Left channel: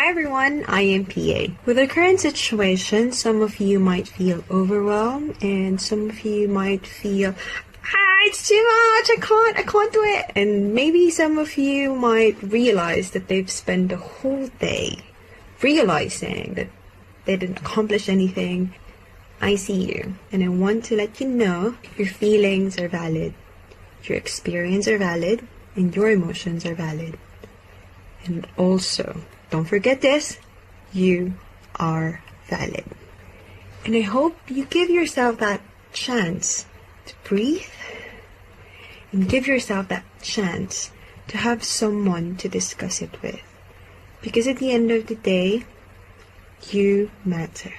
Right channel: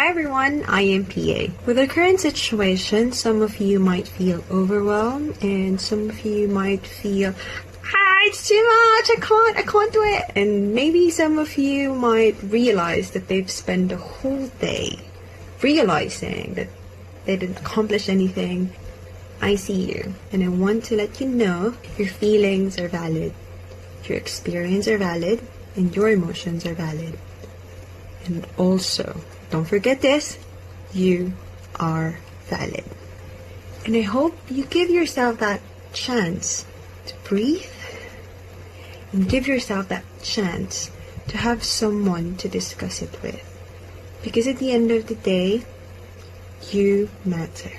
Hi everyone, I am PA. With the current situation, some of you might feel overwhelmed and some of you might feel, it's too much, I can't do it. And maybe some of you might realize that they've spent the whole day realizing that they didn't accomplish anything. I see you, and I want to let you know your feelings are valid, your experience are valid, and your emotions are valid. And also, don't forget this, you are valid. And I hope you give yourself that chance to breathe and give yourself that chance to have someone to discuss it with. Because at the end of the day, you matter.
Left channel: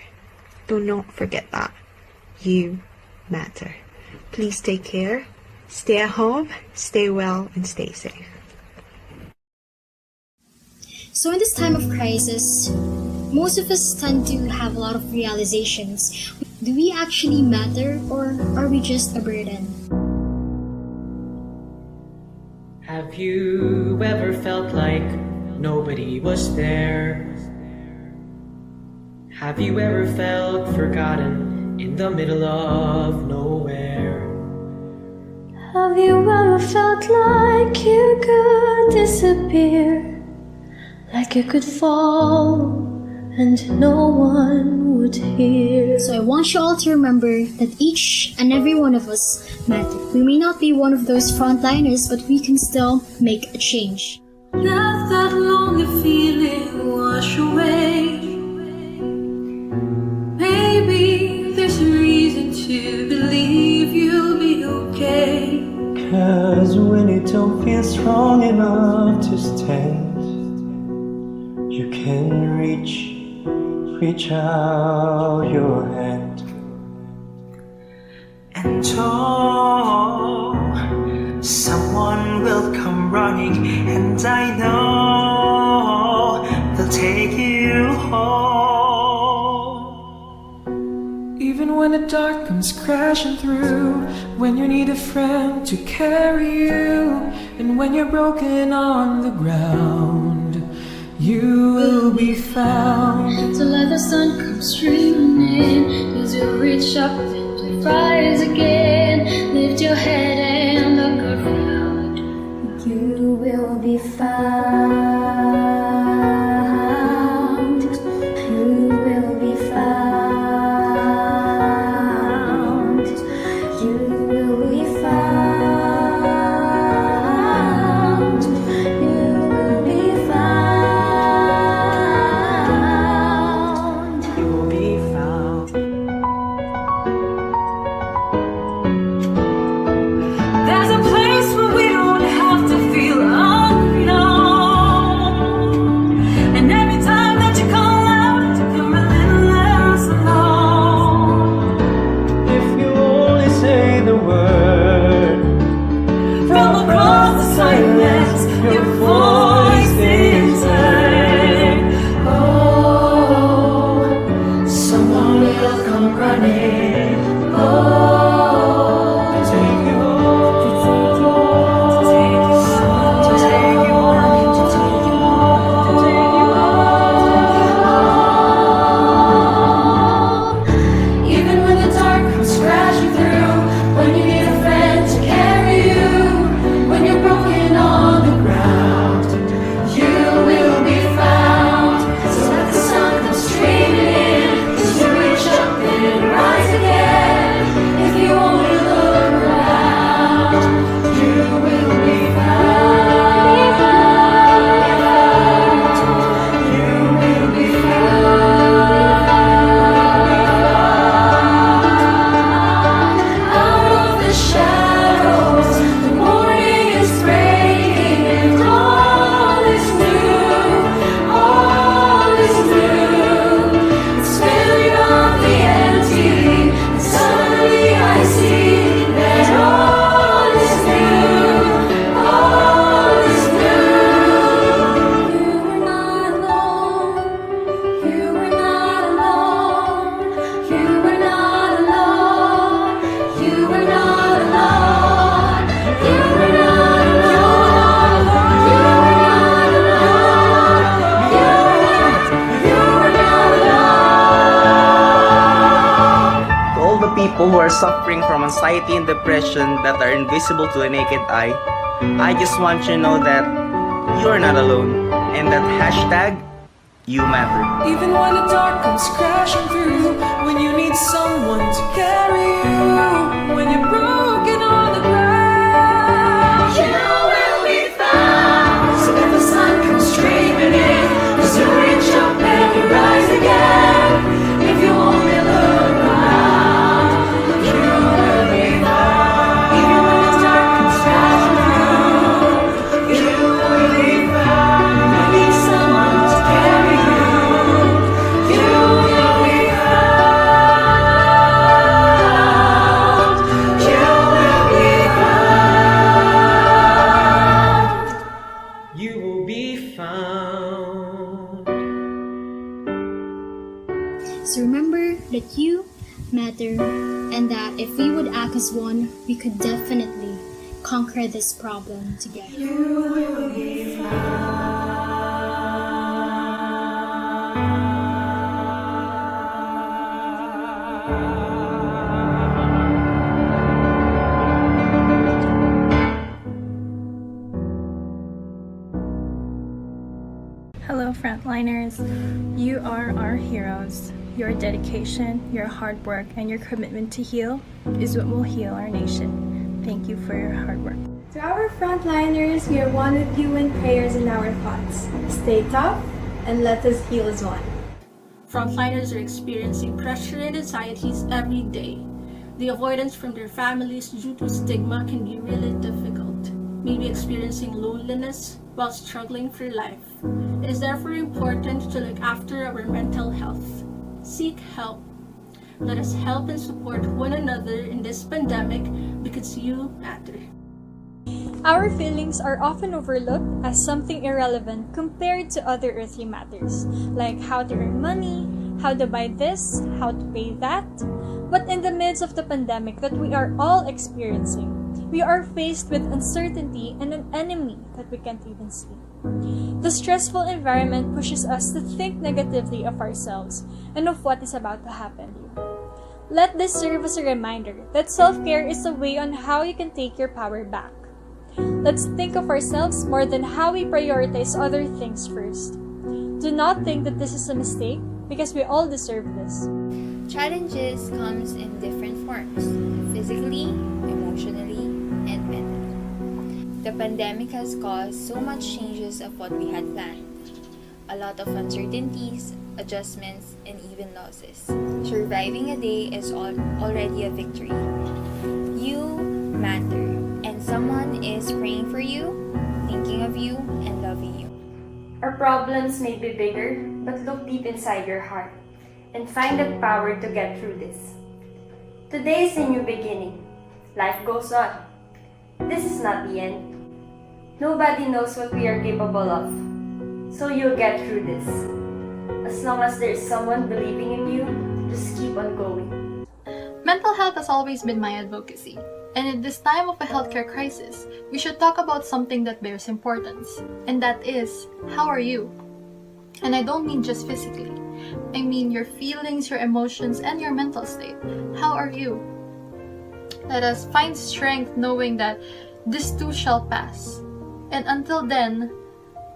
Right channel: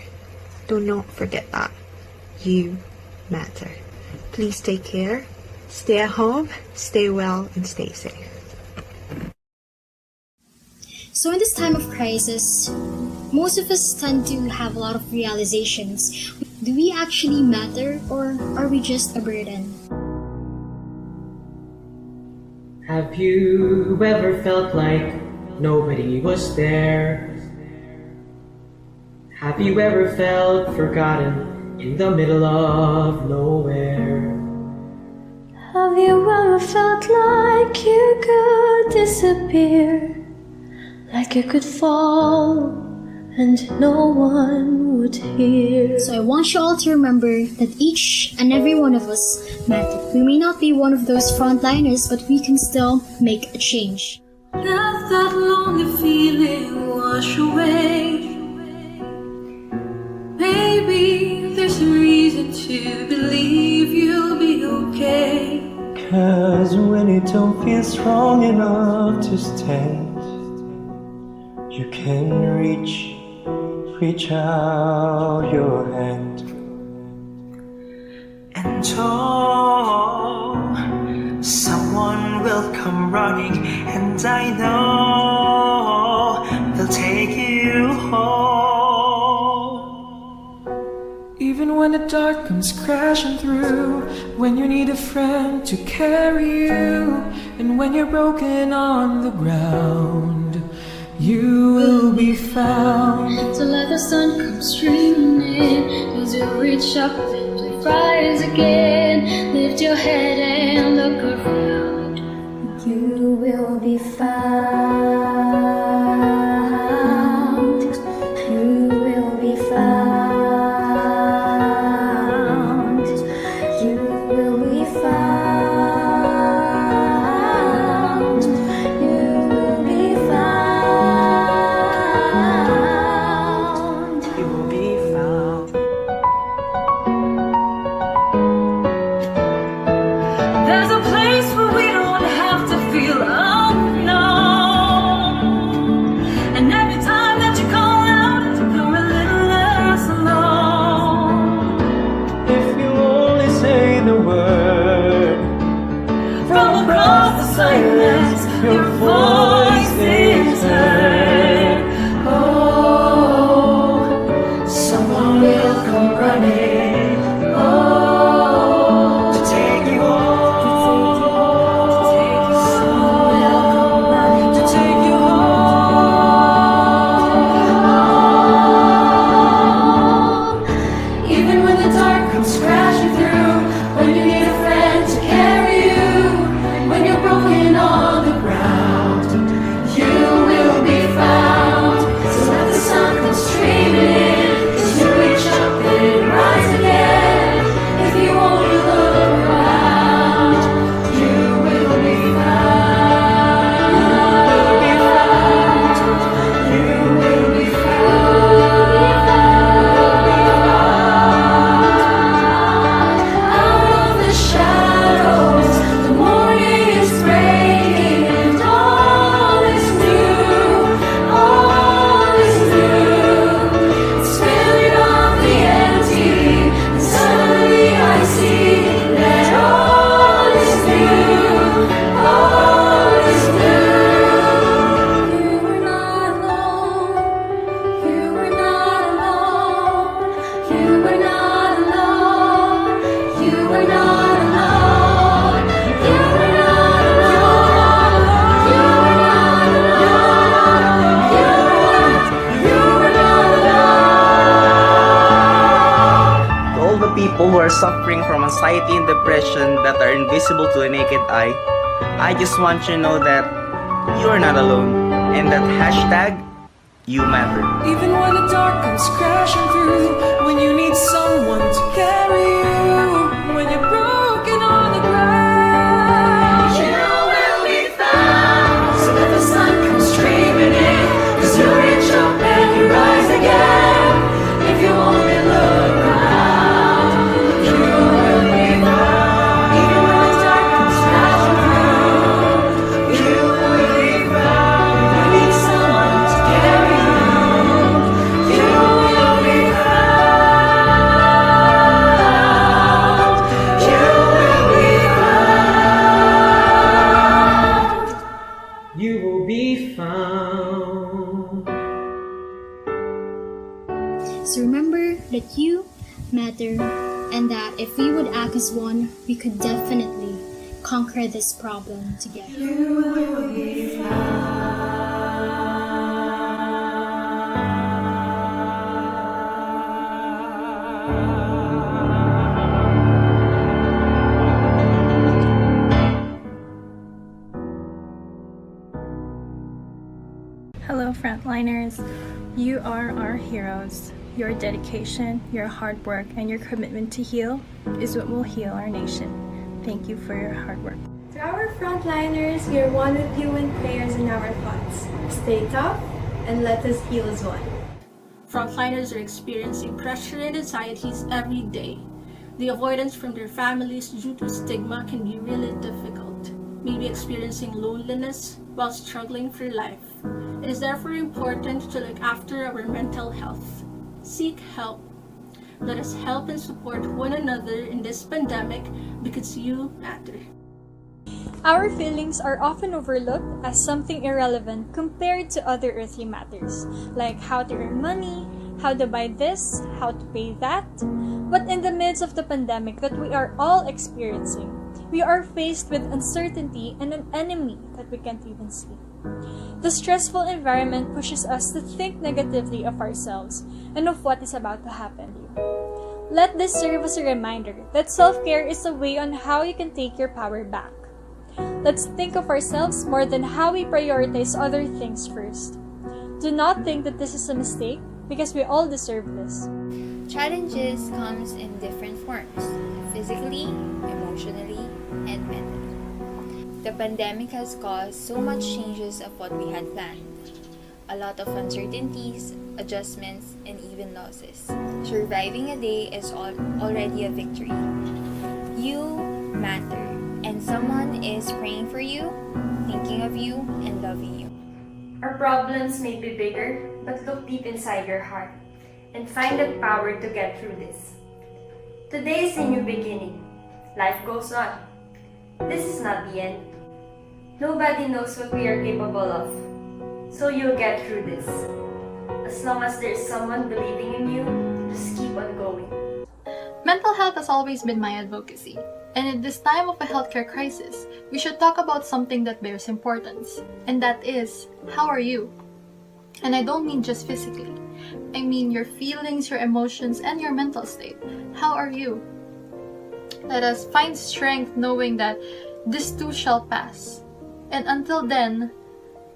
Do not forget that. You matter. Please take care, stay at home, stay well, and stay safe. So in this time of crisis, most of us tend to have a lot of realizations. Do we actually matter, or are we just a burden? Have you ever felt like nobody was there? Have you ever felt forgotten in the middle of nowhere? Have you ever felt like you could disappear? Like you could fall and no one would hear? So I want you all to remember that each and every one of us matter. We may not be one of those frontliners, but we can still make a change. Let that lonely feeling wash away. Maybe there's a reason to believe you'll be okay. 'Cause when you don't feel strong enough to stand, you can reach out your hand. And someone will come running, and I know they'll take you home. Even when the dark comes crashing through, when you need a friend to carry you, and when you're broken on the ground, you will be found. So let the sun come streaming in, 'cause you'll reach up and rise again. Lift your head and look around. You will be found. You will be found. You will be found. You will be found. You will be found. There's a place where we don't have to feel unknown. people who are suffering from anxiety and depression that are invisible to the naked eye, I just want you to know that you are not alone, and that hashtag, you matter. Even when the dark comes crashing through, when you need someone to carry you, when you're broken on the ground, you will be found. So if the sun comes streaming in, 'cause you reach up and you rise again. If you only look around, you will be found. Even when the dark comes crashing through, you will be found. You need someone to carry you. You will be found. You will be found. You will be found. So remember that you matter, and that if we would act as one, we could definitely conquer this problem together. You will be found. Hello, frontliners. You are our heroes. Your dedication, your hard work, and your commitment to heal is what will heal our nation. Thank you for your hard work. To our frontliners, we are one with you in prayers and our thoughts. Stay tough and let us heal as one. Frontliners are experiencing pressure and anxieties every day. The avoidance from their families due to stigma can be really difficult, maybe experiencing loneliness while struggling for life. It is therefore important to look after our mental health. Seek help. Let us help and support one another in this pandemic because you matter. Our feelings are often overlooked as something irrelevant compared to other earthly matters, like how to earn money, how to buy this, how to pay that. But in the midst of the pandemic that we are all experiencing, we are faced with uncertainty and an enemy that we can't even see. The stressful environment pushes us to think negatively of ourselves and of what is about to happen to you. Let this serve as a reminder that self-care is a way on how you can take your power back. Let's think of ourselves more than how we prioritize other things first. Do not think that this is a mistake, because we all deserve this. Challenges comes in different forms, physically, emotionally, and mentally. The pandemic has caused so much changes of what we had planned. A lot of uncertainties, adjustments, and even losses. Surviving a day is already a victory. You matter, and someone is praying for you, thinking of you, and loving you. Our problems may be bigger, but look deep inside your heart and find the power to get through this. Today is a new beginning. Life goes on. This is not the end. Nobody knows what we are capable of. So you'll get through this. As long as there's someone believing in you, just keep on going. Mental health has always been my advocacy. And in this time of a healthcare crisis, we should talk about something that bears importance. And that is, how are you? And I don't mean just physically. I mean your feelings, your emotions, and your mental state. How are you? Let us find strength knowing that this too shall pass. And until then,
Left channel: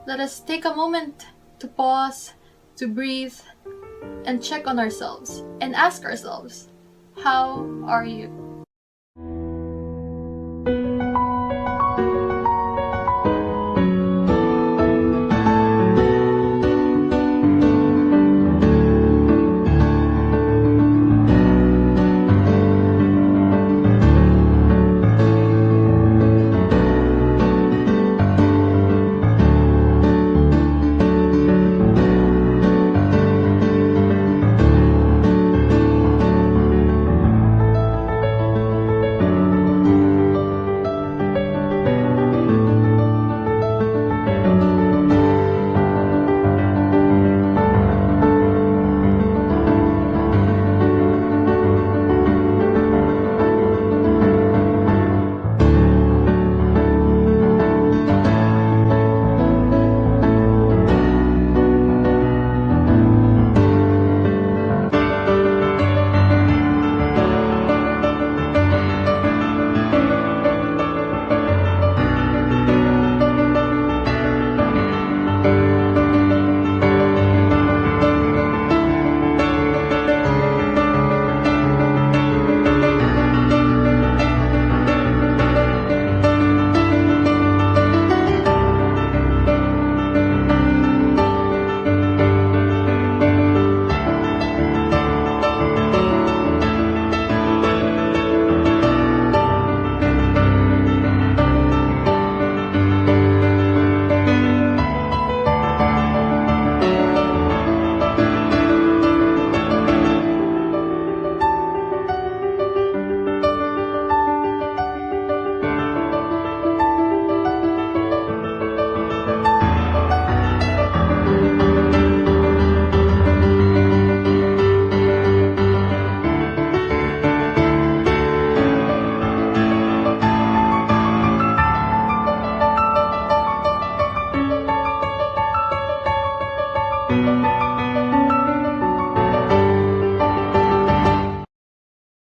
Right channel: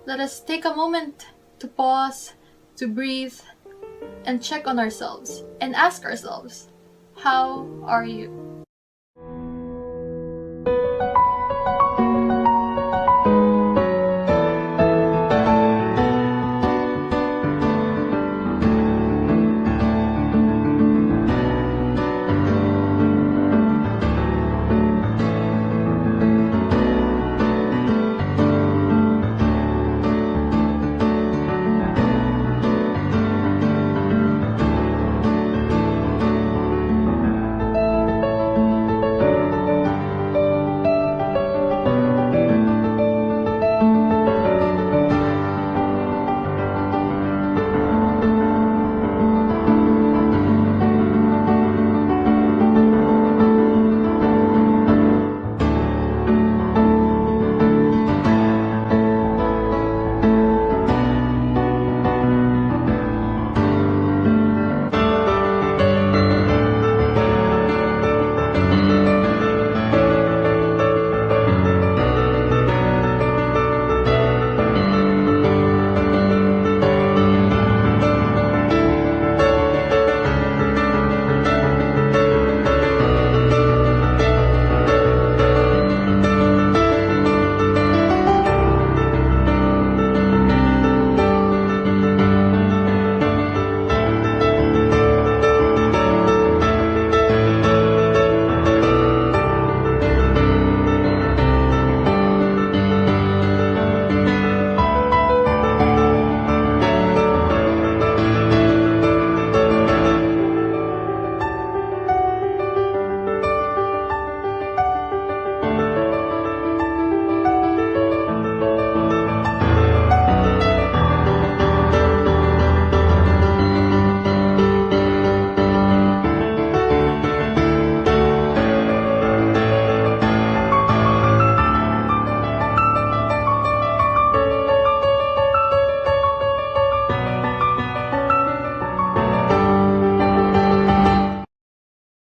let us take a moment to pause, to breathe, and check on ourselves, and ask ourselves, how are you?